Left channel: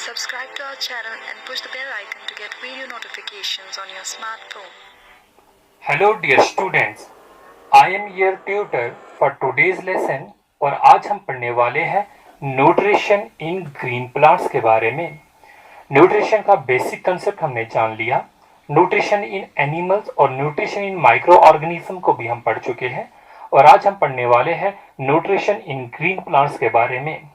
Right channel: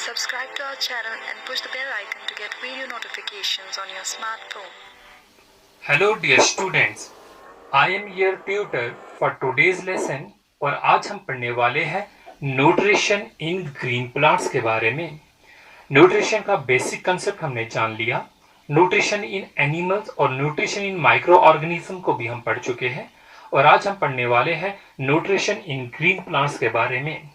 Subscribe to our channel and push the bell icon to get video notifications on your smartphone. Hello dear students, I am your tutor for today's lesson और आज हम पढ़ने वाले हैं nutrition in green plants के बारे में। Nutrition का बेसिक कंसेप्ट हमने जान लिया, न्यूट्रिशन इन एनिमल्स और न्यूट्रिशन इन माइक्रो ऑर्गेनिज्म को भी हम पढ़ चुके हैं और आज हम पढ़ने वाले हैं न्यूट्रिशन इन ग्रीन प्लांट्स के बारे में।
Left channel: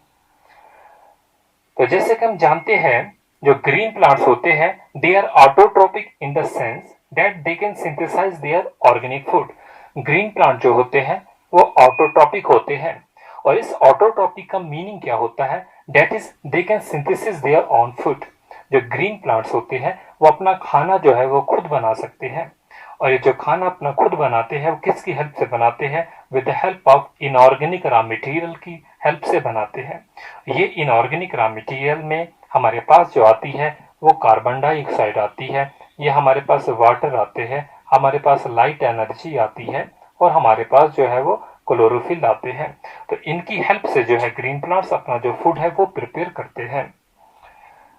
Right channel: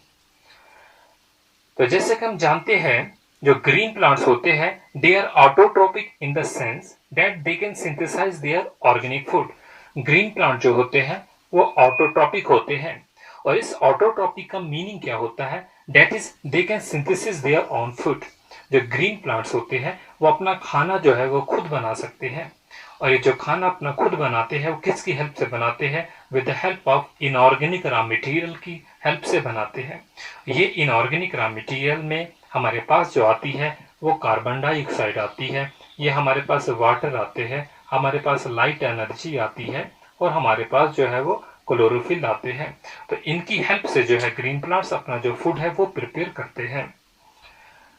तो जैसे कि हम जानते हैं जो ग्रीन प्लांट्स होते हैं they are autotrophic in the sense that they can synthesise their organic food. Green plant जो होते हैं वो ऑटोट्रोपिक होते हैं और इस ऑटोट्रोपिक का मीनिंग क्या होता है, that is they can synthesis their own food. जो ग्रीन प्लांट्स होते हैं वो अपना खाना जो है वो खुद बना सकते हैं और ये जो खाना अपना खुद बनाते हैं वो किसकी हेल्प से बनाते हैं, with the help of inorganic raw material की हेल्प से बनाते हैं। ये इनऑर्गेनिक रॉ मटेरियल में हमारे पास जो आती है वो कार्बन डाइऑक्साइड आती है, ये हमारे पास वाटर आते हैं, हमारे पास लाइट एनर्जी आती है और हमारे पास जो है वो क्लोरोफिल आते हैं। तो इनकी हेल्प से जो है ग्रीन प्लांट्स अपना जो फूड है वो प्रिपेयर करते हैं।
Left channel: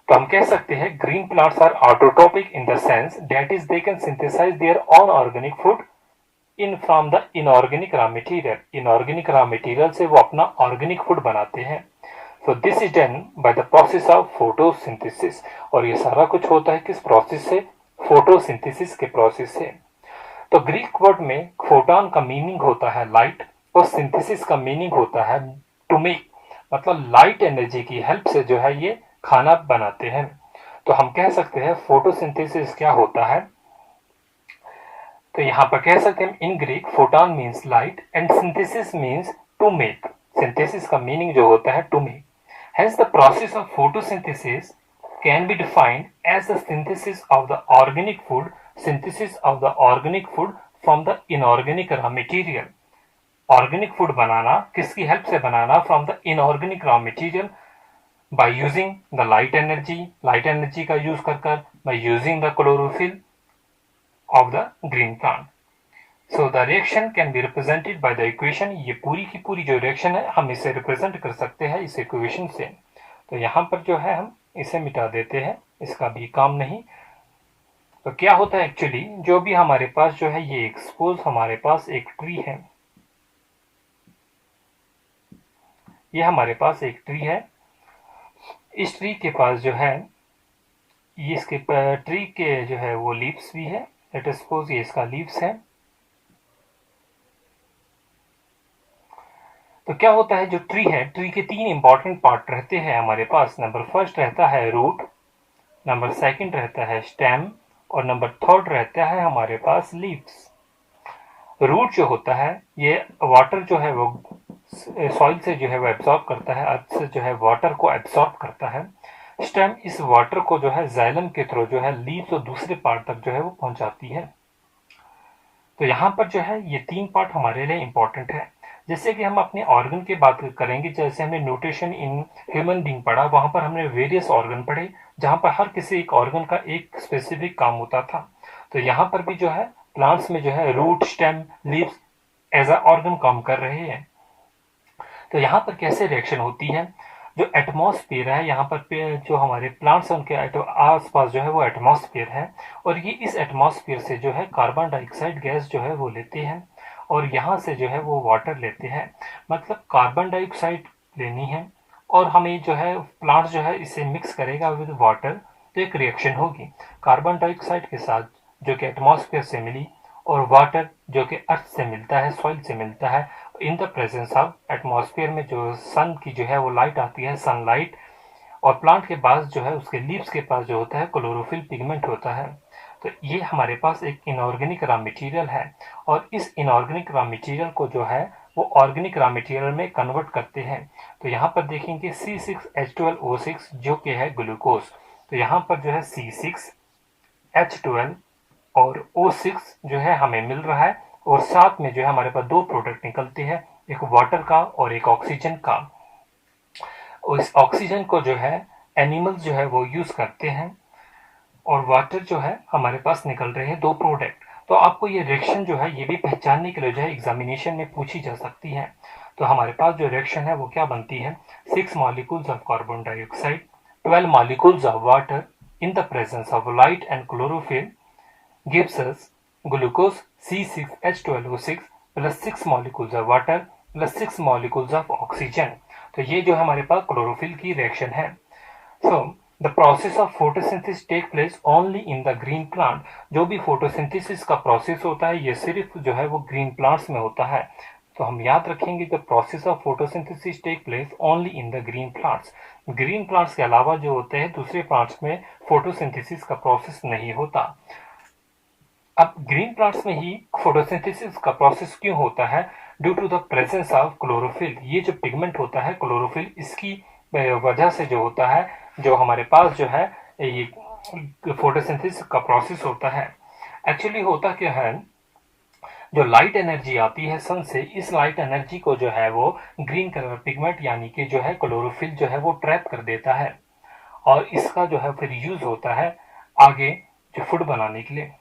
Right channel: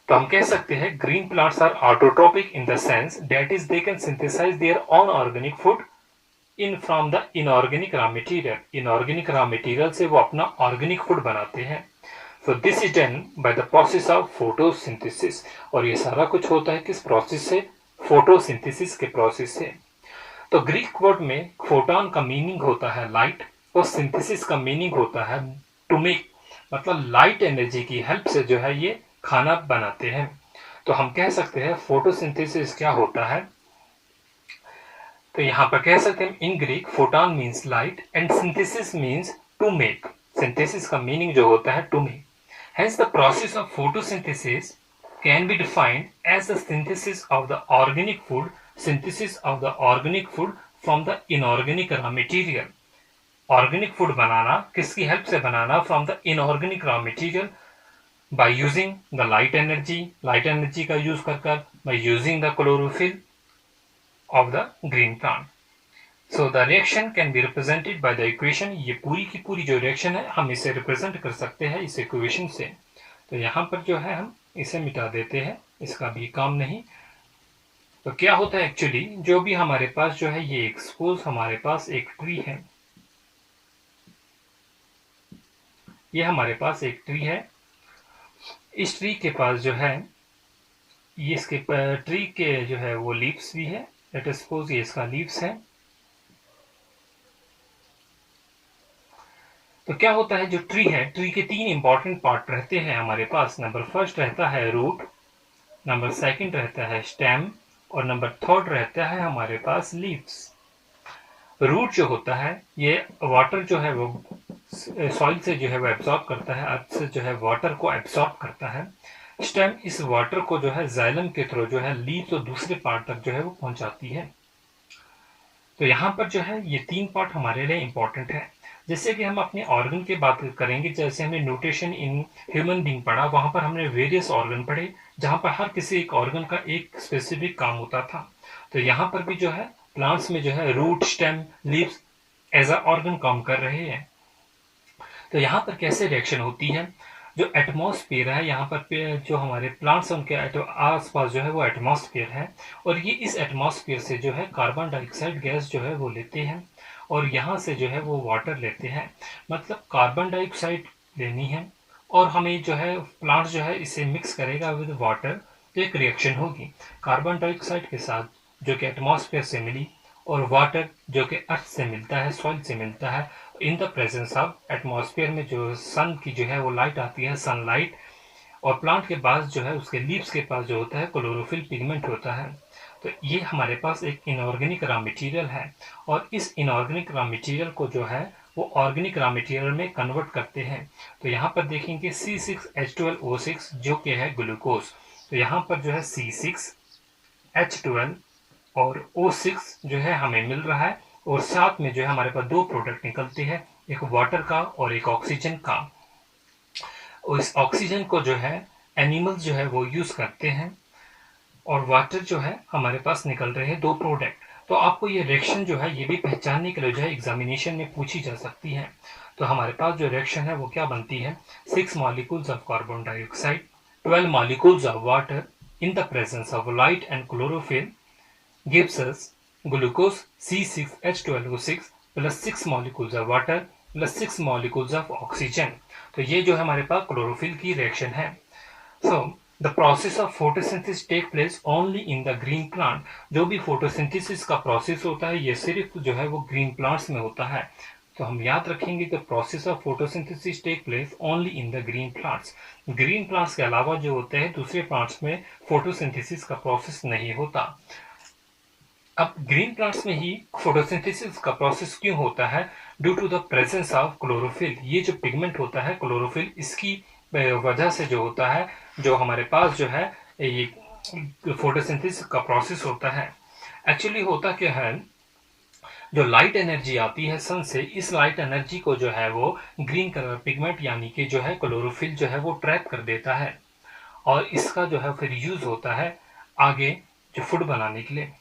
तो हम कह सकते हैं green plants are autotrophic in the sense that is they can synthesise their own organic food in from the inorganic raw material. Inorganic raw material से वो अपना ऑर्गेनिक फूड बनाते हैं। So this is done by the process of photosynthesis और ये सारा कुछ होता है किस प्रोसेस से, फोटोसिंथेसिस के प्रोसेस से। तो ग्रीक वर्ड में फोटोन का मीनिंग होता है लाइट और सिंथेसिस का मीनिंग होता है टू मेक, मतलब लाइट एनर्जी की हेल्प से जो है ये खाना बनाते हैं। तो हम कह सकते हैं फोटोसिंथेसिस क्या होता है, तो यहां पर कह सकते हैं in Greek photon means light and synthesis means to make. Synthesis का मीनिंग जो होता है to make. Hence the process of photosynthesis can be defined as the synthesis of the organic food, synthesis of the organic food from the inorganic raw material. Organic food बनाना किसकी help से बनाना, from the inorganic raw material by using the light energy का use कर by using the chlorophyll of the green plant. So the reaction can be represented by the equation. ये पूरी की पूरी जो रिएक्शन है हम इसे रिप्रेजेंट कर सकते हैं इस इक्वेशन से। तो यहाँ पर जो है हम इसे मिटा देते हैं, इसका भी काम नहीं। तो क्या होता है एक्चुअली, जो भी हमारे पास जो है ये एक्सपोज हमारे पास एक ट्री है, ये हमारे पास एक ट्री है। इस ट्री के पास जो है ये इसके ट्री के जो है वो लीव्स भी है, लेट अस सपोज ये इसका लीव्स है। तो क्या होता है जो ट्री है, ट्री के तीन इंपॉर्टेंट पार्ट रहते हैं हमारे पास। नंबर फर्स्ट रहता है रूट, नंबर सेकंड रहता है स्टेम और नंबर थर्ड रहता है हमारे पास लीव्स। रूट जो होता है ये वाटर जो है वो सॉइल से जो है वो एब्सॉर्ब करता है, अर्थ से जो है वाटर को एब्सॉर्ब करता है। स्टेम इस वाटर को जो है जाइलम के थ्रू जो है लीव्स और दूसरे पार्ट तक जो है वो पहुंचाती है। तो यहाँ पर जो है ये तीन पार्ट हमारे लिए इंपॉर्टेंट है। जैसे कि हम अपने ऑर्गन की बात करेंगे, जैसे हमने न्यूट्रिशन इन ह्यूमन बीइंग पढ़ा, वहां पर हमने वेरियस ऑर्गन पढ़े जहां पर हर किसी एक ऑर्गन का एक स्पेसिफिक काम होता था। तो यहाँ पर भी जो है प्लांट्स में जो है root, stem, leaves as a organ काम कर रहे हैं। तो यहाँ पर कैसे रिएक्शन होती है, जो एटमॉस्फेयर है यहाँ पर जो हमारे प्लांट्स हैं उनके आसपास जो है वो एटमॉस्फेयर है और ये इस एटमॉस्फेयर से जो है कार्बन डाइऑक्साइड गैस जो है वो लेते हैं और यहाँ से जो है वो वाटर लेते हैं। मतलब कार्बन डाइऑक्साइड लेनी है और हमें जो है प्लांट्स जो है इसे मिक्स करेगा विद वाटर, तो एक रिएक्शन होगी कार्बन डाइऑक्साइड के साथ जो कि एटमॉस्फेयर से मिली और वाटर जो कि अर्थ से मिलता है, सॉइल से मिलता है, in the presence of atmosphere में जो सन की जो है वो लाइट आती है, सनलाइट, और प्लांट के पास जो है उसके लीव्स के पास जो होता है क्लोरोफिल पिगमेंट होता है। तो ये हमारे पास एक इनऑर्गेनिक रॉ मटेरियल है और इस इनऑर्गेनिक रॉ मटेरियल को जो है वो ऑर्गेनिक रॉ मटेरियल में कन्वर्ट करते हैं। तो यहाँ पर देखेंगे C6H12O6 जो कि है ग्लूकोज। तो यहाँ पर जो है C6H12 और O6 जो है हमें मिल रहा है और साथ में जो है हमारे पास दो प्रोडक्ट निकलते हैं, एक वाटर का और एक ऑक्सीजन का। और इस ऑक्सीजन को जो है एनिमल्स जो है वो यूज करते हैं और वाटर जो है हमारे पास निकल रहे हैं दो प्रोडक्ट। तो आपको ये रिएक्शन जो है ये भी पहचानने के लिए जो है एग्जामिनेशन में पूछी जा सकती है। तो हमारे पास जो रिएक्शन है वो क्या बनती है, 6 molecules of carbon dioxide 12 molecules of water in the presence of light and chlorophyll gives us glucose C6H12O6 plus 6 molecules of water plus 6 molecules of oxygen। तो ये जो हमारे पास क्लोरोफिल की रिएक्शन है। So the process of photosynthesis take place only in the green plant। जो भी photosynthesis का process होता है ये सिर्फ जो है वो ग्रीन प्लांट्स में होता है। तो हम याद रखेंगे कि process of photosynthesis take place only in the green plants. Green plants के अलावा जो होते हैं दूसरे प्लांट्स में फोटोसिंथेसिस का प्रोसेस नहीं होता। अब ग्रीन प्लांट्स में ही फोटोसिंथेसिस का प्रोसेस क्यों होता है? Due to the presence of chlorophyll. ये जो पिगमेंट होता है क्लोरोफिल, इसकी वजह से जो होता है, जो हमारे पास जो है ये फोटोसिंथेसिस का प्रोसेस होता है। एक्चुअली होता क्या है, जो लाइट एनर्जी आती है सन से, इस लाइट एनर्जी को जो है वो ग्रीन कलर पिगमेंट यानी कि जो है क्लोरोफिल जो है वो ट्रैप कर देता है और इसका जो है फिर यूज होता है आगे जो फूड बनाने के लिए।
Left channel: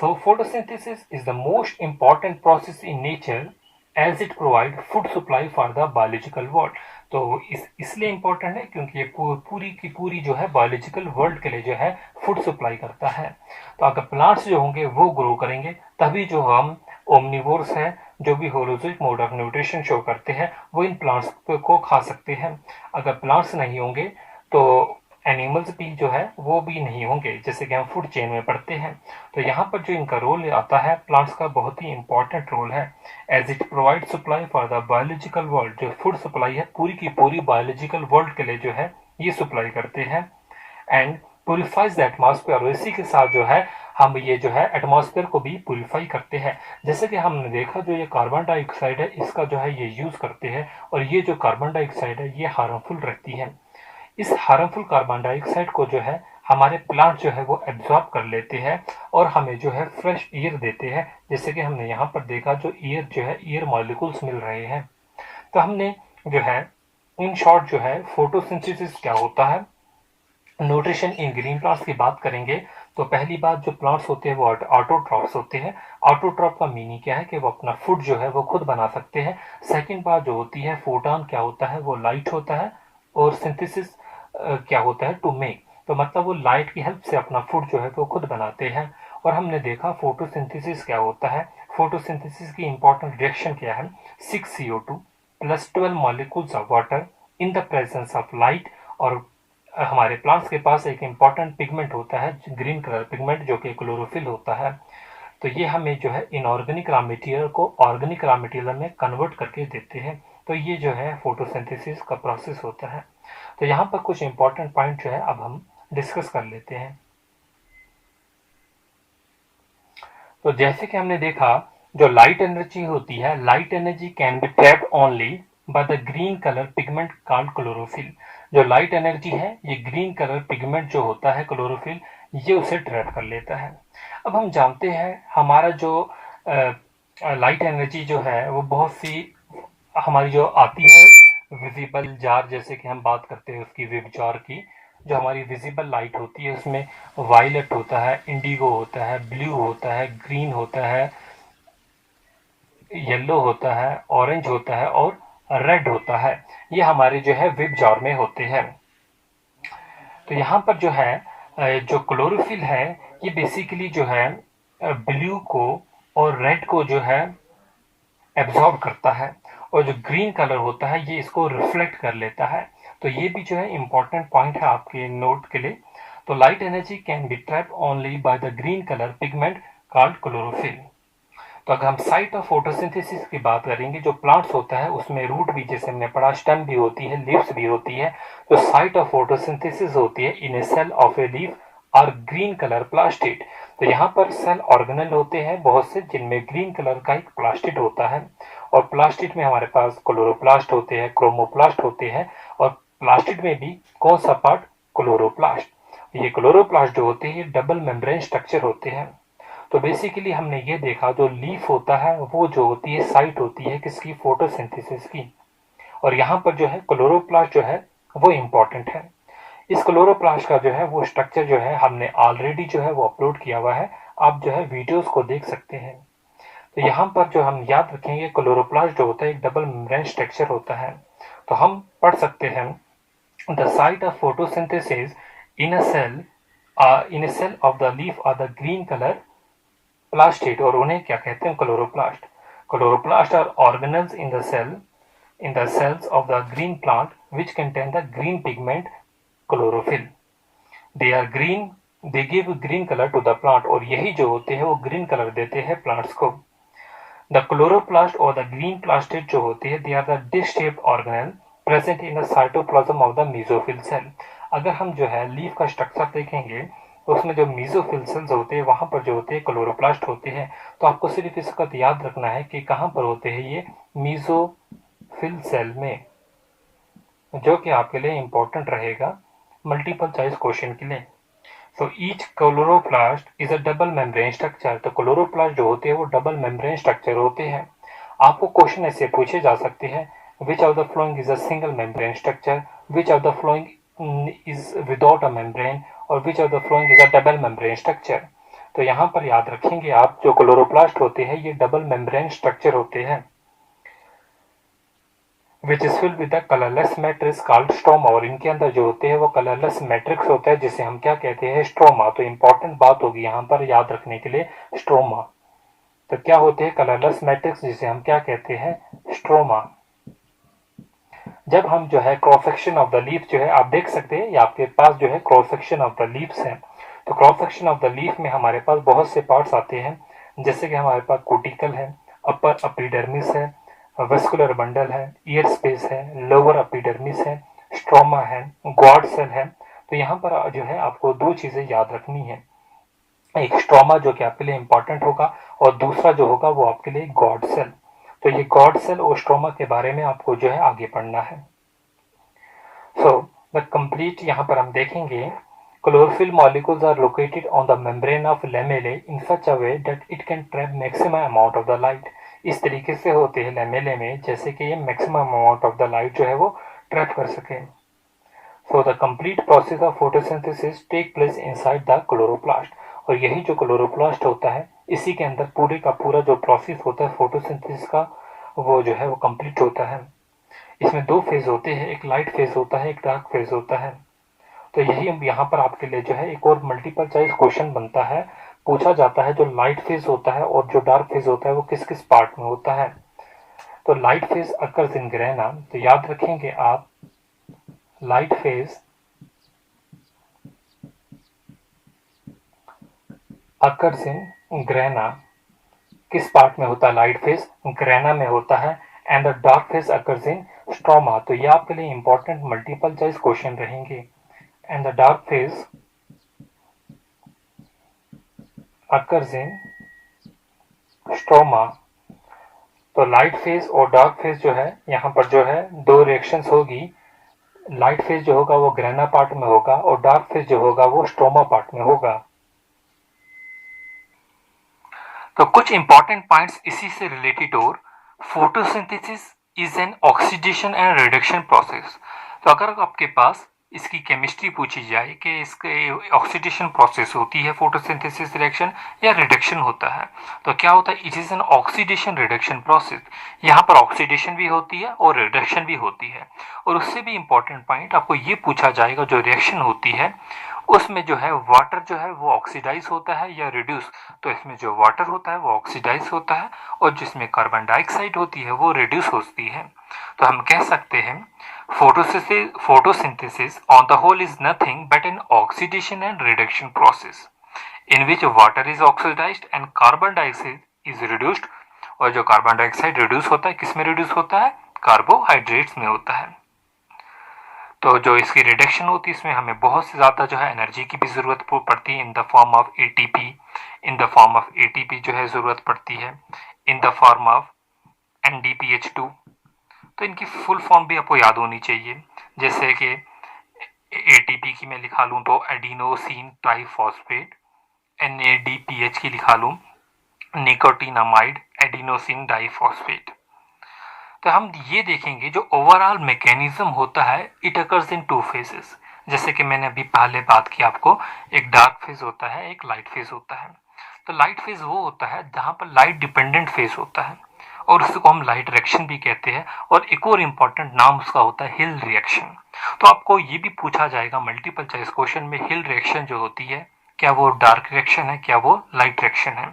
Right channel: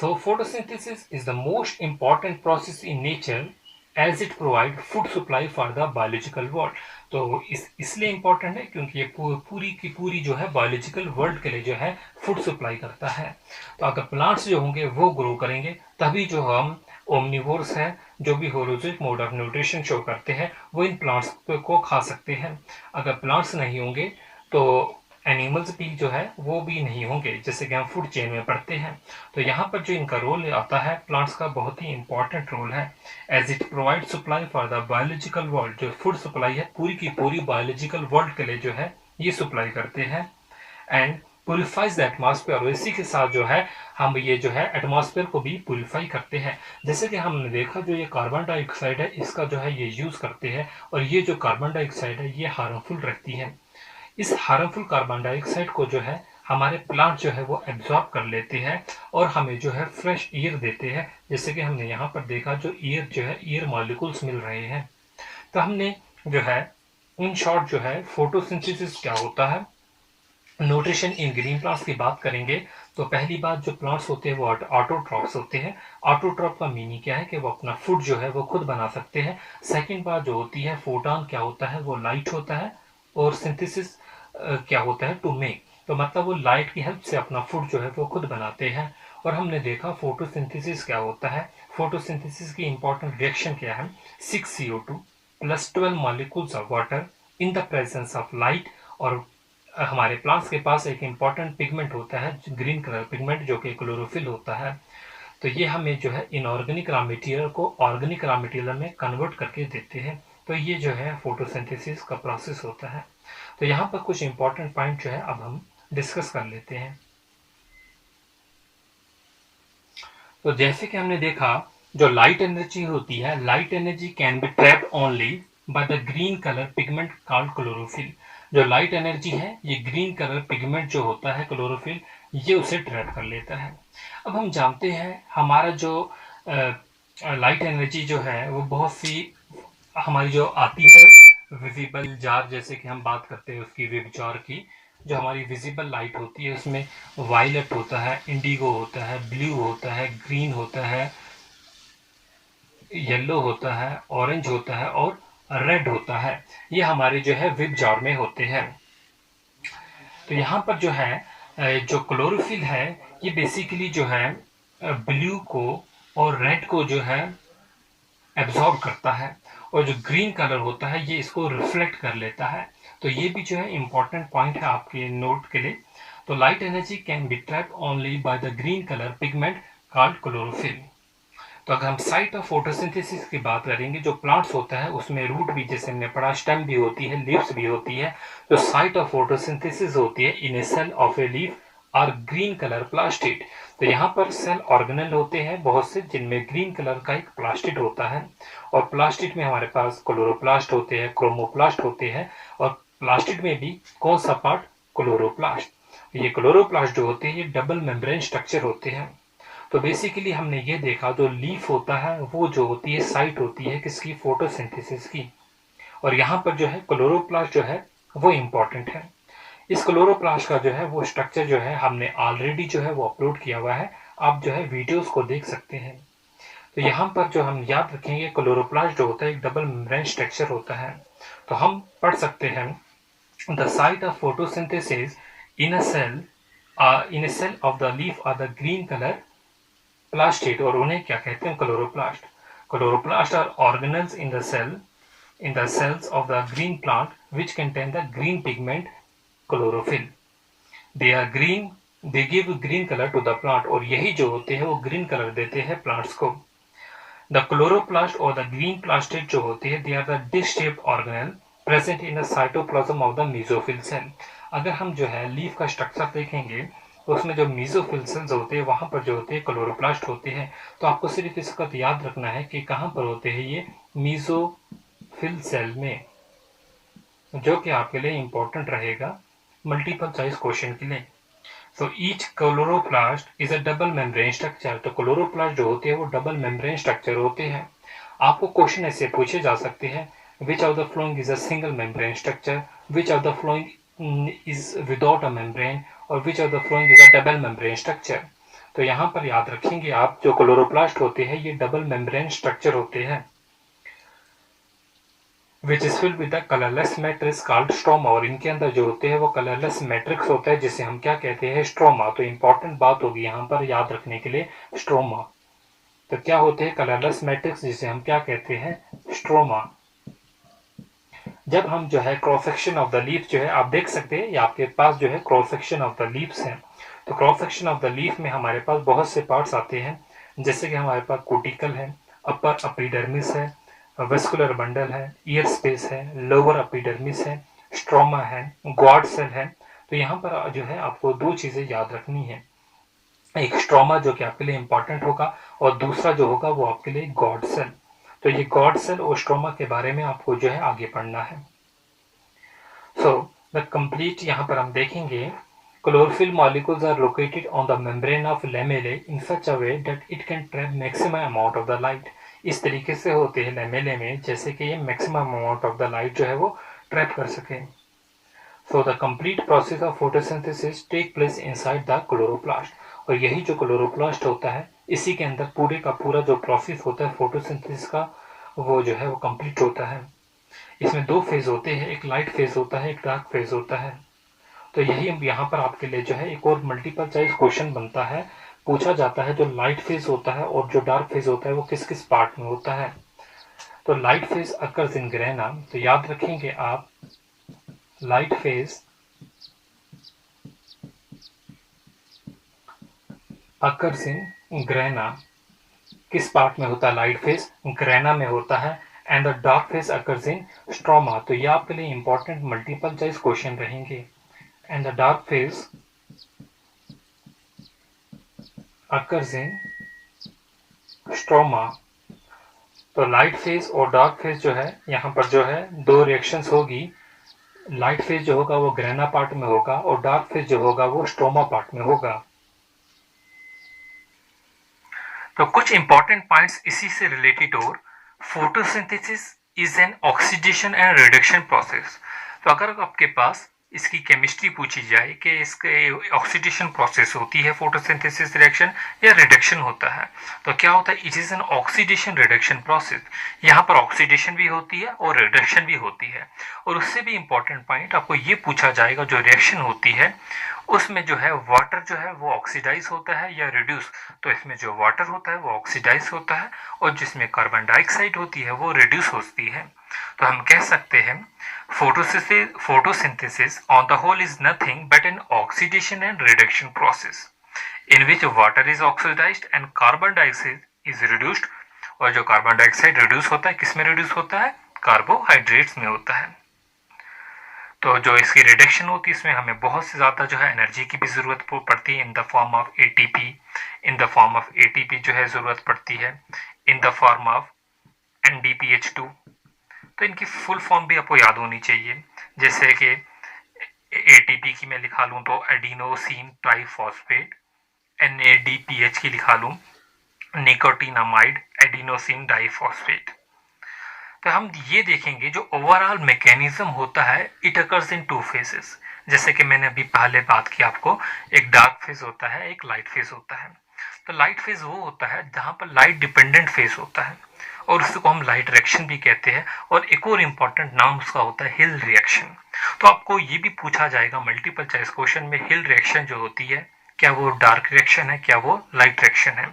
So photosynthesis is the most important process in nature as it provide food supply for the biological world. तो इसलिए इंपॉर्टेंट है क्योंकि ये पूरी की पूरी जो है बायोलॉजिकल वर्ल्ड के लिए जो है फूड सप्लाई करता है। तो अगर प्लांट्स जो होंगे वो ग्रो करेंगे तभी जो हम ओमनिवोर्स है, जो भी होलोजिक मोड ऑफ न्यूट्रिशन शो करते हैं, वो इन प्लांट्स को खा सकते हैं। अगर प्लांट्स नहीं होंगे तो एनिमल्स भी जो है वो भी नहीं होंगे, जैसे कि हम फूड चेन में पढ़ते हैं। तो यहाँ पर जो इनका रोल आता है प्लांट्स का बहुत ही इंपॉर्टेंट रोल है। As it provide supply for the biological world, जो फूड सप्लाई है पूरी की पूरी बायोलॉजिकल वर्ल्ड के लिए जो है ये सप्लाई करते हैं। एंड प्योरीफाइज द एटमॉस्फेयर, और इसी के साथ जो है हम ये जो है एटमॉस्फेयर को भी प्योरीफाई करते हैं। जैसे कि हमने देखा जो ये कार्बन डाइऑक्साइड है इसका जो है ये यूज करते हैं और ये जो कार्बन डाइऑक्साइड है ये हार्मफुल रहती है। इस हार्मफुल कार्बन डाइऑक्साइड को जो है हमारे प्लांट जो है वो एब्जॉर्ब कर लेते हैं और हमें जो है फ्रेश एयर देते हैं। जैसे कि हमने यहाँ पर देखा जो एयर जो है एयर मॉलिक्यूल्स मिल रहे हैं। तो हमने जो है इन शॉर्ट जो है फोटोसिंथेसिस क्या होता है, न्यूट्रिशन इन ग्रीन प्लांट्स की बात करेंगे तो पहली बात जो प्लांट्स होते हैं वो ऑटोट्रॉप्स होते हैं। ऑटोट्रॉप का मीनिंग क्या है कि वो अपना फूड जो है वो खुद बना सकते हैं। सेकंड बात जो होती है फोटॉन क्या होता है, वो लाइट होता है। और सिंथेसिस क्या होता है, टू मेक, तो मतलब वो लाइट की हेल्प से अपना फूड जो है वो खुद बनाते हैं। और हमने देखा फोटोसिंथेसिस क्या होता है। फोटोसिंथेसिस की इंपॉर्टेंट रिएक्शन क्या है, 6 CO2 plus 12 molecules of water in the presence of light. और हमारे प्लांट्स के पास एक इम्पॉर्टेंट पिगमेंट होता है ग्रीन कलर पिगमेंट जो कि क्लोरोफिल होता है। तो ये हमें जो है इनऑर्गेनिक रॉ मटेरियल को ऑर्गेनिक रॉ मटेरियल में कन्वर्ट करके देते हैं। तो ये जो है फोटोसिंथेसिस का प्रोसेस होता है। तो यहाँ पर कुछ इंपॉर्टेंट पॉइंट जो है अब हम डिस्कस कर लेते हैं। तो जैसे कि हमने देखा जो लाइट एनर्जी होती है, light energy can be trapped only by the green colour pigment called chlorophyll. जो लाइट एनर्जी है ये ग्रीन कलर पिगमेंट जो होता है क्लोरोफिल, ये उसे ट्रैप कर लेता है। अब हम जानते हैं हमारा जो लाइट एनर्जी जो है वो बहुत सी हमारी जो आती है विजिबल जार, जैसे कि हम बात करते हैं उसकी वेब जार की, जो हमारी विजिबल लाइट होती है उसमें वायलेट होता है, इंडिगो होता है, ब्लू होता है, ग्रीन होता है, येलो होता है, ऑरेंज होता है और रेड होता है। ये हमारे जो है वेब जार में होते हैं। तो यहाँ पर जो है जो क्लोरोफिल है ये बेसिकली जो है ब्लू को और रेड को जो है एब्जॉर्ब करता है और जो ग्रीन कलर होता है ये इसको रिफ्लेक्ट कर लेता है। तो ये भी जो है इंपॉर्टेंट पॉइंट है आपके नोट के लिए। तो light energy can be trapped only by the green colour pigment called chlorophyll. तो अगर हम साइट ऑफ फोटोसिंथेसिस की बात करेंगे, जो प्लांट्स होता है उसमें रूट भी जैसे हमने पढ़ा, स्टेम भी होती है, लीव्स भी होती है। तो साइट ऑफ फोटोसिंथेसिस होती है इन ए सेल ऑफ ए लीफ और ग्रीन कलर प्लास्टिड। तो यहाँ पर सेल ऑर्गेनल होते हैं बहुत से जिनमें ग्रीन कलर का एक प्लास्टिड होता है और प्लास्टिड में हमारे पास क्लोरोप्लास्ट होते हैं, क्रोमोप्लास्ट होते हैं और प्लास्टिड में भी कौन सा पार्ट, क्लोरोप्लास्ट। ये क्लोरोप्लास्ट जो होते हैं ये डबल मेम्ब्रेन स्ट्रक्चर होते हैं। तो बेसिकली हमने ये देखा जो लीफ होता है वो जो होती है साइट होती है किसकी, फोटोसिंथेसिस की। और यहाँ पर जो है क्लोरोप्लास्ट जो है वो इम्पोर्टेंट है। इस क्लोरोप्लास्ट का जो है वो स्ट्रक्चर जो है हमने ऑलरेडी जो है वो अपलोड किया हुआ है, आप जो है वीडियोस को देख सकते हैं। तो यहाँ पर जो हम याद रखेंगे क्लोरोप्लास्ट जो होता है एक डबल मेम्ब्रेन स्ट्रक्चर होता है। तो हम पढ़ सकते हैं The site of photosynthesis in a cell of the leaf are the green color plastid, और उन्हें क्या कहते हैं, chloroplast. Chloroplast are organelles in the cells of the green plant which contain the green pigment chlorophyll. They are green, they give green color to the plant, और यही जो होते हैं वो green color देते हैं plants को. The chloroplast or the green plastid जो होते हैं, they are the disc-shaped organelle present in the cytoplasm of the mesophyll cell. अगर हम जो है लीफ का स्ट्रक्चर देखेंगे तो उसमें जो मेसोफिल सेल्स होते हैं वहां पर जो होते हैं क्लोरोप्लास्ट होते हैं. तो आपको सिर्फ इसका याद रखना है कि कहां पर होते हैं ये मेसोफिल सेल में, जो कि आपके लिए इंपॉर्टेंट रहेगा मल्टीपल चॉइस क्वेश्चन के लिए. So each chloroplast is a double membrane structure. तो क्लोरोप्लास्ट जो होते हैं वो डबल मेम्ब्रेन स्ट्रक्चर होते हैं. आपको क्वेश्चन ऐसे पूछे जा सकते हैं, which of the following is a single membrane structure, which of the following is without a membrane, और which of the following is a double membrane structure. तो यहाँ पर याद रखेंगे आप, जो क्लोरोप्लास्ट होते हैं ये डबल मेम्ब्रेन स्ट्रक्चर होते हैं, which is filled with the colorless matrix called stroma, और इनके अंदर जो होते हैं वो कलरलेस मैट्रिक्स होता है जिसे हम क्या कहते हैं, स्ट्रोमा. तो इंपॉर्टेंट बात होगी यहाँ पर याद रखने के लिए, स्ट्रोमा. तो क्या होते हैं कलरलेस मैट्रिक्स, जिसे हम क्या कहते हैं, स्ट्रोमा. जब हम जो है cross section of the leaf जो है आप देख सकते हैं, आपके पास जो है cross section of the leaves है. तो cross section of the leaf में हमारे पास बहुत से पार्ट्स आते हैं, जैसे कि हमारे पास कोटिकल है, अपर एपिडर्मिस है, वेस्कुलर बंडल है, ईयर स्पेस है, लोअर एपिडर्मिस है, स्ट्रोमा है, गॉड सेल है. तो यहाँ पर जो है आपको दो चीजें याद रखनी है, एक स्ट्रोमा जो कि आपके लिए इंपॉर्टेंट होगा, और दूसरा जो होगा वो आपके लिए गॉड सेल. तो ये गॉड सेल और स्ट्रोमा के बारे में आपको जो है आगे पढ़ना है. सो द कंप्लीट यहाँ पर हम देखेंगे, chlorophyll molecules are located on the membrane of lamellae in such a way that it can trap maximum amount of the light. इस तरीके से होते हैं लैमेले में, जैसे कि ये maximum amount of the light जो है वो ट्रैप कर सके. So the complete process of photosynthesis take place inside the chloroplast, और यही जो क्लोरोप्लास्ट होता है इसी के अंदर पूरे का पूरा जो प्रोसेस होता है फोटोसिंथेसिस का वो जो है वो कंप्लीट होता है. इसमें दो फेज होते हैं, एक लाइट फेज होता है, एक डार्क फेज होता है. तो यही यहाँ पर आपके लिए जो है एक और मल्टीपल चॉइस क्वेश्चन बनता है, पूछा जाता है जो लाइट फेज होता है और जो डार्क फेज होता है वो किस किस पार्ट में होता है. तो light phase occurs in grana, तो याद रखेंगे आप, light phase occurs in grana, किस पार्ट में होता है, लाइट फेज ग्रेना में होता है. And the dark phase occurs in stroma. तो ये आपके लिए इंपॉर्टेंट मल्टीपल चॉइस क्वेश्चन रहेंगे. And the dark phase occurs in stroma. तो लाइट फेज और डार्क फेज जो है यहाँ पर जो है दो रिएक्शंस होगी. लाइट फेज जो होगा वो ग्रेना पार्ट में होगा, और डार्क फेज जो होगा वो स्ट्रोमा पार्ट में होगा. तो कुछ इंपॉर्टेंट पॉइंट्स इसी से रिलेटेड, और photosynthesis is an oxidation and reduction process. तो अगर आपके पास इसकी केमिस्ट्री पूछी जाए कि इसके ऑक्सीडेशन प्रोसेस होती है फोटोसिंथेसिस रिएक्शन या रिडक्शन होता है, तो क्या होता है, it is an oxidation reduction process. यहाँ पर ऑक्सीडेशन भी होती है और रिडक्शन भी होती है. और उससे भी इंपॉर्टेंट पॉइंट आपको ये पूछा जाएगा, जो रिएक्शन होती है उसमें जो है वाटर जो है वो ऑक्सीडाइज होता है या रिड्यूस. तो इसमें जो वाटर होता है वो ऑक्सीडाइज होता है, और जिसमें कार्बन डाइऑक्साइड होती है वो रिड्यूस होती है. तो हम कह सकते हैं photosynthesis on the whole is nothing but an oxidation and reduction process in which water is oxidized and carbon dioxide is reduced. और जो कार्बन डाइऑक्साइड रिड्यूस होता है किस में रिड्यूस होता है, कार्बोहाइड्रेट्स में होता है. तो जो इसकी रिडक्शन होती है इसमें हमें बहुत से ज़्यादा जो है एनर्जी की भी ज़रूरत पड़ती है, in the form of ATP जो है ज़रूरत पड़ती है, in the form of NDPH2. तो इनकी फुल फॉर्म भी आपको याद होनी चाहिए, जैसे कि एटीपी की मैं लिखा लूँ तो एडिनोसिन ट्राइफॉस्फेट, NADPH की लिखा लूँ निकोटिनामाइड एडिनोसिन डाइफॉस्फेट. तो हम ये देखेंगे जो ओवरऑल मैकेनिज्म होता है, it occurs in two phases. जैसे कि मैंने अभी पहले बात की आपको, एक डार्क फेज होता है, एक लाइट फेज होता है. तो लाइट फेज वो होता है जहाँ पर लाइट डिपेंडेंट फेज होता है, और उसको हम लाइट रिएक्शन भी कहते हैं. और एक और इम्पॉर्टेंट नाम उसका होता है हिल रिएक्शन. तो आपको ये भी पूछा जाएगा मल्टीपल चॉइस क्वेश्चन में, हिल रिएक्शन जो होती है क्या वो डार्क रिएक्शन है, क्या वो लाइट रिएक्शन है।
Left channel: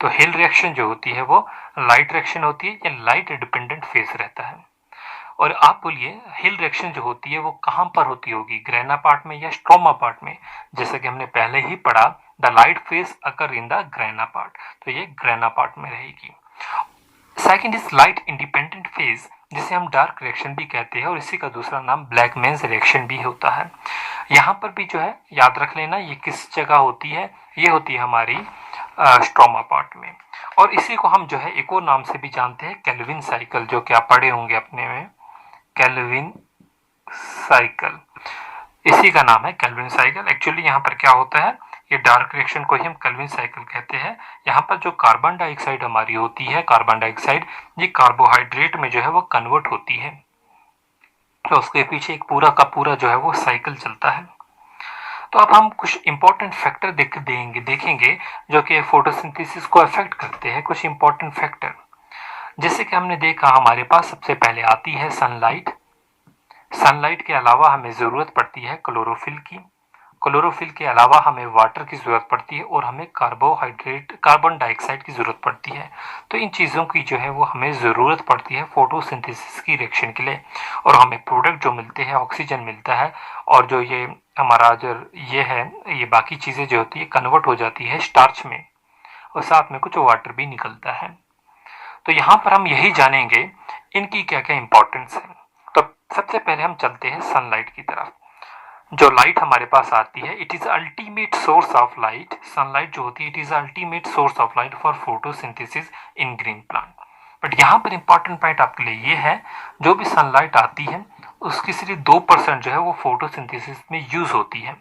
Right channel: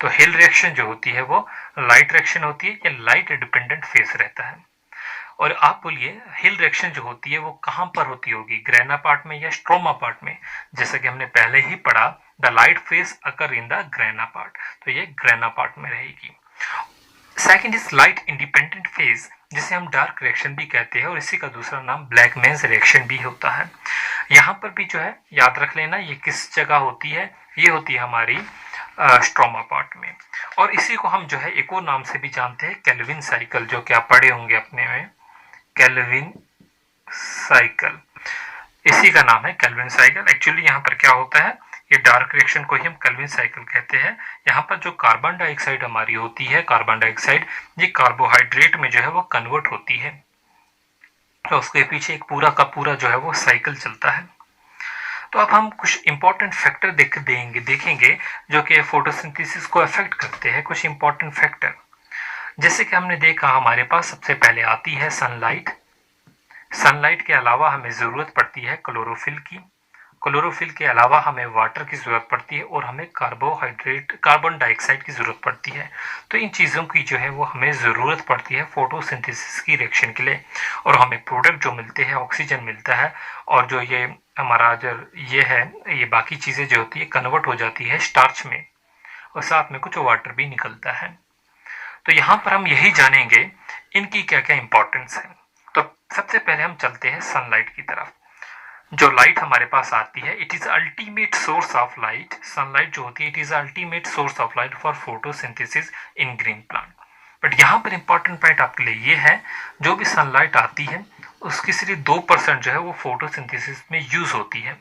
तो हिल रिएक्शन जो होती है वो लाइट रिएक्शन होती है या लाइट डिपेंडेंट फेज रहता है। और आप बोलिए हिल रिएक्शन जो होती है वो कहां पर होती होगी, ग्रेना पार्ट में या स्ट्रोमा पार्ट में। जैसे कि हमने पहले ही पढ़ा, the light phase occur in the grana part, तो ये ग्रेना पार्ट में रहेगी। Second is light independent phase, जिसे हम डार्क रिएक्शन भी कहते हैं और इसी का दूसरा नाम ब्लैकमैन्स रिएक्शन भी होता है। यहाँ पर भी जो है याद रख लेना ये किस जगह होती है, ये होती है हमारी स्ट्रोमा पार्ट में। और इसी को हम जो है एक और नाम से भी जानते हैं, केल्विन साइकिल, जो कि आप पढ़े होंगे अपने में, केल्विन साइकिल, इसी का नाम है केल्विन साइकिल। एक्चुअली यहाँ पर क्या होता है, ये डार्क रिएक्शन को ही हम केल्विन साइकिल कहते हैं। यहाँ पर जो कार्बन डाइऑक्साइड हमारी होती है, कार्बन डाइऑक्साइड ये कार्बोहाइड्रेट में जो है वो कन्वर्ट होती है, तो उसके पीछे एक पूरा का पूरा जो है वो साइकिल चलता है। तो अब हम कुछ इंपॉर्टेंट फैक्टर देखेंगे जो कि फोटोसिंथेसिस को अफेक्ट करते हैं, कुछ इंपॉर्टेंट फैक्टर। जैसे कि हमने देखा हमारे पास सबसे पहले आती है सनलाइट। सनलाइट के अलावा हमें ज़रूरत पड़ती है क्लोरोफिल की, क्लोरोफिल के अलावा हमें वाटर की ज़रूरत पड़ती है और हमें कार्बन डाइऑक्साइड की ज़रूरत पड़ती है। तो इन चीज़ों की जो है वो हमें ज़रूरत पड़ती है फोटोसिंथेसिस की रिएक्शन के लिए, और हमें प्रोडक्ट जो मिलते हैं ऑक्सीजन मिलता है, और जो ये हमारा जो ये है ये बाकी चीज़ें जो होती है कन्वर्ट हो जाती है स्टार्च में, और साथ में कुछ वाटर भी निकलता है। तो यहाँ पर हम यही जानेंगे इनकी क्या क्या इंपॉर्टेंस है। तो सबसे पहले हम चलते हैं सनलाइट की तरफ। जो लाइट हमारे पास आती है, it is ultimate source of light. Sunlight जो होती है it is ultimate source of light for photosynthesis in green plant. But यहाँ पर इंपॉर्टेंट पॉइंट आपके लिए ये है, जो भी सनलाइट आती है उसकी सिर्फ 2% जो है वो फोटोसिंथेसिस में यूज होती है।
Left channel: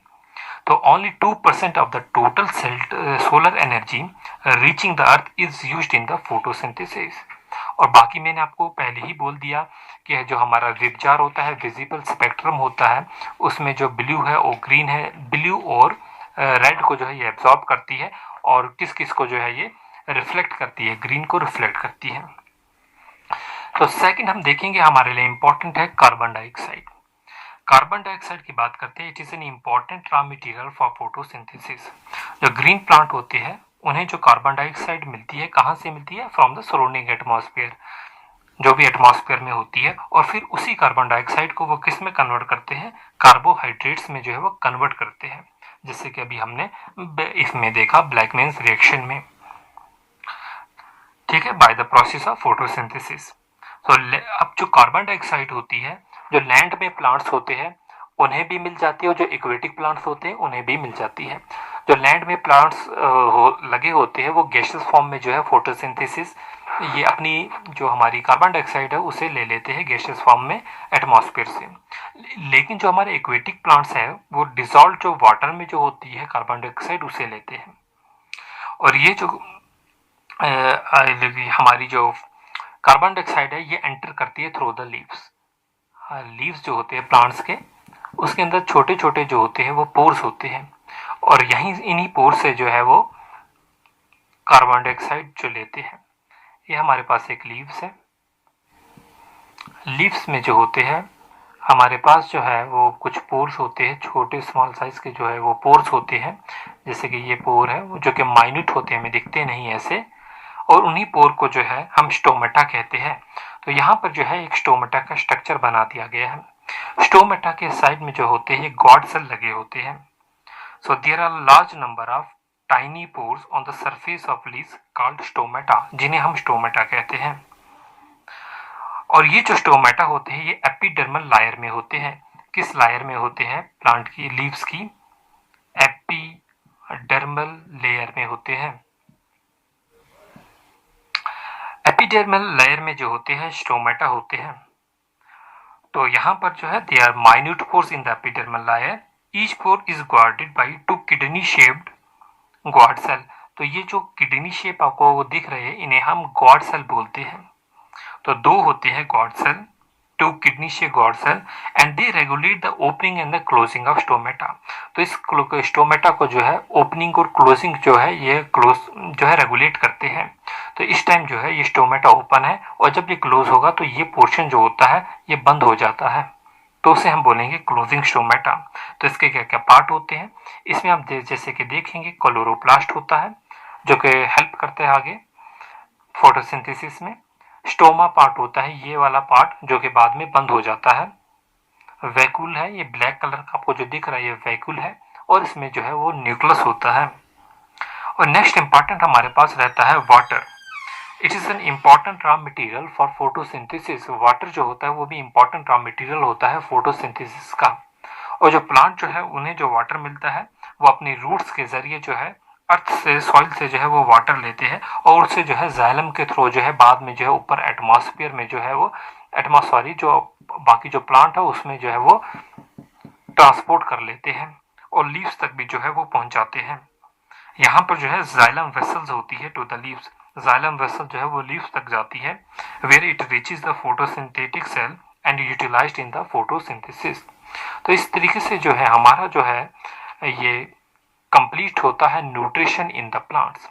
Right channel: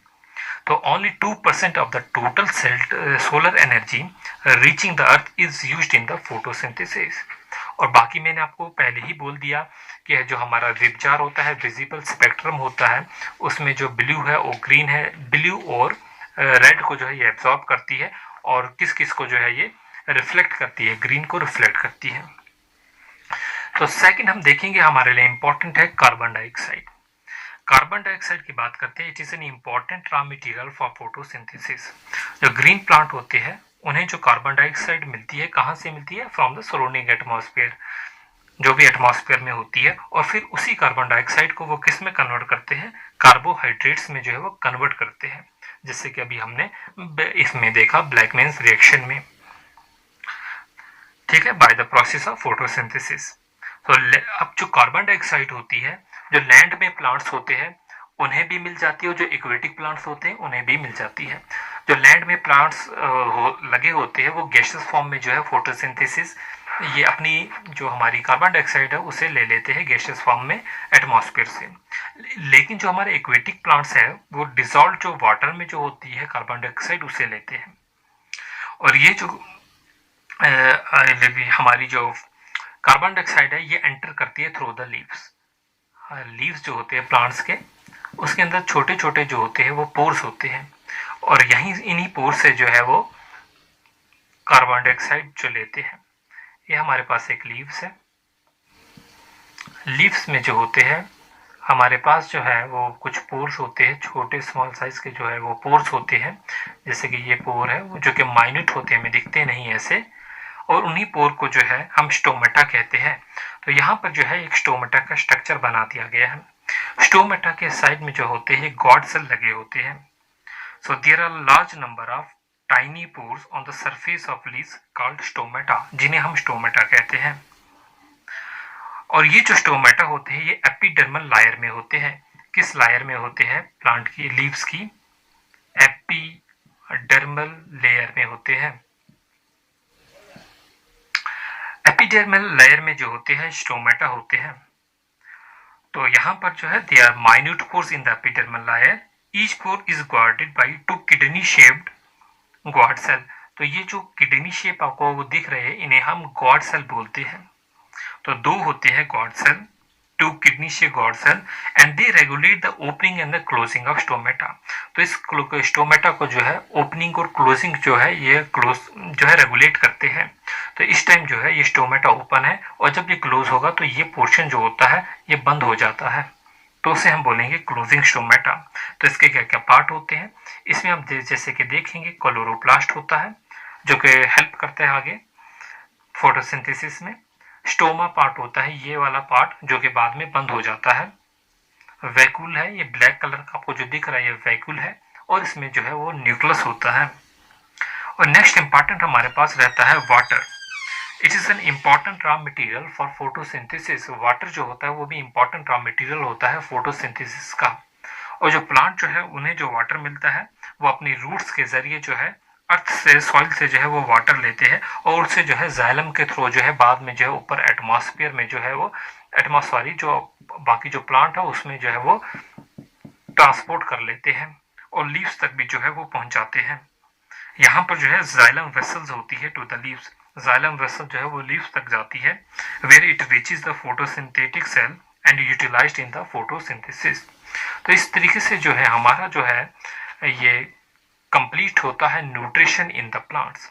तो only 2% of the total solar energy reaching the earth is used in the photosynthesis. और बाकी मैंने आपको पहले ही बोल दिया कि जो हमारा विबजार होता है, विजिबल स्पेक्ट्रम होता है, उसमें जो ब्लू है और ग्रीन है, ब्लू और रेड को जो है ये एब्जॉर्ब करती है, और किस किस को जो है ये रिफ्लेक्ट करती है, ग्रीन को रिफ्लेक्ट करती है। तो सेकंड हम देखेंगे हमारे लिए इंपॉर्टेंट है कार्बन डाइऑक्साइड। कार्बन डाइऑक्साइड की बात करते हैं, it is an important raw material for photosynthesis. जो ग्रीन प्लांट होते हैं उन्हें जो कार्बन डाइऑक्साइड मिलती है, कहाँ से मिलती है, फ्रॉम द सराउंडिंग एटमॉस्फेयर, जो भी एटमॉस्फेयर में होती है, और फिर उसी कार्बन डाइऑक्साइड को वो किस में कन्वर्ट करते हैं, कार्बोहाइड्रेट्स में जो है वो कन्वर्ट करते हैं, जैसे कि अभी हमने इसमें देखा ब्लैकमैन्स रिएक्शन में, ठीक है, bye the process of photosynthesis. तो अब जो कार्बन डाइऑक्साइड होती है, जो लैंड में प्लांट्स होते हैं उन्हें भी मिल जाती है, और जो एक्वेटिक प्लांट्स होते हैं उन्हें भी मिल जाती है। जो लैंड में प्लांट्स लगे होते हैं वो गैसेस फॉर्म में जो है फोटोसिंथेसिस, ये अपनी जो हमारी कार्बन डाइऑक्साइड है उसे ले लेते हैं गैसेस फॉर्म में एटमॉस्फेयर से। लेकिन जो हमारे एक्वेटिक प्लांट्स है वो डिजॉल्व जो वाटर में जो होती है कार्बन डाइऑक्साइड उसे लेते हैं। और ये जो हमारी जो कार्बन डाइऑक्साइड है ये एंटर करती है थ्रू द लीव्स। लीव्स जो होते हैं प्लांट्स के, उसके अंदर छोटे छोटे जो होते हैं वो पोर्स होते हैं, और यहीं इन्हीं पोर्स से जो है वो कार्बन डाइऑक्साइड जो लेते हैं। ये हमारे पास एक लीव्स है, लीव्स में जो होते हैं हमारे पास जो है वो कुछ पोर्स होते हैं, छोटे स्मॉल साइज के जो है वो पोर्स होते हैं, जैसे कि ये पोर है वो जो कि माइन्यूट होते हैं, हमें दिखते नहीं ऐसे, और उन्हीं पोर को जो है हम स्टोमेटा कहते हैं। तो यहाँ पर जो है एक स्टोमेटा का स्ट्रक्चर बना दिया गया है। स्टोमेटा के साइड में जो होते हैं गॉड सेल लगे होते हैं। So there are large number of tiny pores on the surface of leaves called stomata, जिन्हें हम स्टोमेटा कहते हैं। और ये जो स्टोमेटा होते हैं ये एपिडर्मल लायर में होते हैं। किस लायर में होते हैं, प्लांट की लीव्स की एपिडर्मल लेयर में होते हैं। एपिडर्मल लेयर में जो होते हैं स्टोमेटा होते हैं। तो यहाँ पर जो है they are minute pores in the epidermal layer, each pore is guarded by 2 kidney shaped guard cell. तो ये जो किडनी शेप आपको वो दिख रहे हैं इन्हें हम गॉड सेल बोलते हैं। तो 2 होते हैं guard cell, 2 kidney shape guard cell, and they regulate the opening and the closing of stomata. तो इस स्टोमेटा को जो है ओपनिंग और क्लोजिंग जो है ये क्लोज जो है रेगुलेट करते हैं। तो इस टाइम जो है ये स्टोमेटा ओपन है, और जब ये क्लोज होगा तो ये पोर्शन जो होता है ये बंद हो जाता है। तो उसे हम बोलेंगे क्लोजिंग स्टोमेटा। तो इसके क्या क्या पार्ट होते हैं, इसमें आप जैसे कि देखेंगे क्लोरोप्लास्ट होता है जो कि हेल्प करता है आगे फोटोसिंथेसिस में। स्टोमा पार्ट होता है ये वाला पार्ट जो कि बाद में बंद हो जाता है। वैक्यूल है, ये ब्लैक कलर का आपको जो दिख रहा है ये वैक्यूल है, और इसमें जो है वो न्यूक्लियस होता है। और नेक्स्ट इंपॉर्टेंट हमारे पास रहता है water. It is an important raw material for photosynthesis. Water जो होता है वो भी इम्पॉर्टेंट रॉ मटेरियल होता है फोटोसिंथेसिस का। और जो प्लांट जो है उन्हें जो वाटर मिलता है वो अपनी रूट्स के जरिए जो है अर्थ से, सॉइल से जो है वो वाटर लेते हैं, और उससे जो है जाइलम के थ्रू जो है बाद में जो है ऊपर एटमॉस्फेयर में जो है वो एटमॉस्फेयर जो बाकी जो प्लांट है उसमें जो है वो ट्रांसपोर्ट कर लेते हैं और लीव्स तक भी जो है वो पहुंचाते हैं। यहाँ पर जो है जाइलम वेसल्स होती है to the leaves. Xylem vessel जो है वो लीव्स तक जाती है, where it reaches the photosynthetic cell and utilized in the photosynthesis. तो इस तरीके से जो है हमारा जो है ये कंप्लीट होता है न्यूट्रिशन इन द प्लांट्स।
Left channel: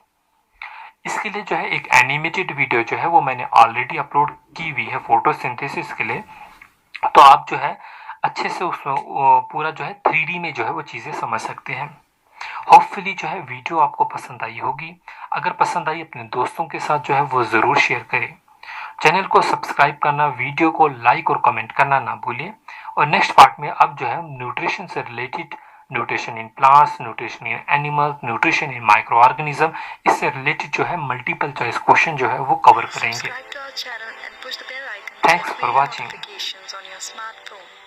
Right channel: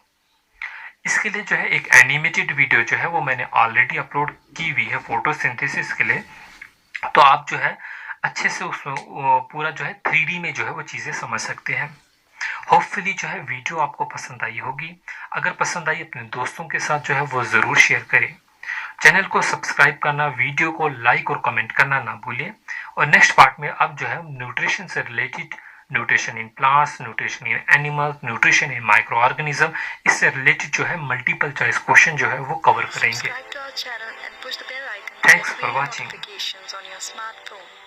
इसके लिए जो है एक एनिमेटेड वीडियो जो है वो मैंने ऑलरेडी अपलोड की हुई है फोटोसिंथेसिस के लिए, तो आप जो है अच्छे से उसमें पूरा जो है 3D में जो है वो चीज़ें समझ सकते हैं। होपफुली जो है वीडियो आपको पसंद आई होगी। अगर पसंद आई अपने दोस्तों के साथ जो है वो ज़रूर शेयर करें। चैनल को सब्सक्राइब करना, वीडियो को लाइक और कमेंट करना ना भूलिए। और नेक्स्ट पार्ट में अब जो है न्यूट्रिशन से related, nutrition in plants, nutrition in animals, nutrition in micro organism, इससे रिलेटेड जो है मल्टीपल चॉइस क्वेश्चन जो है वो कवर करेंगे। Subscribe to our channel and push the bell icon to Thanks get for video watching. notifications on your smartphone.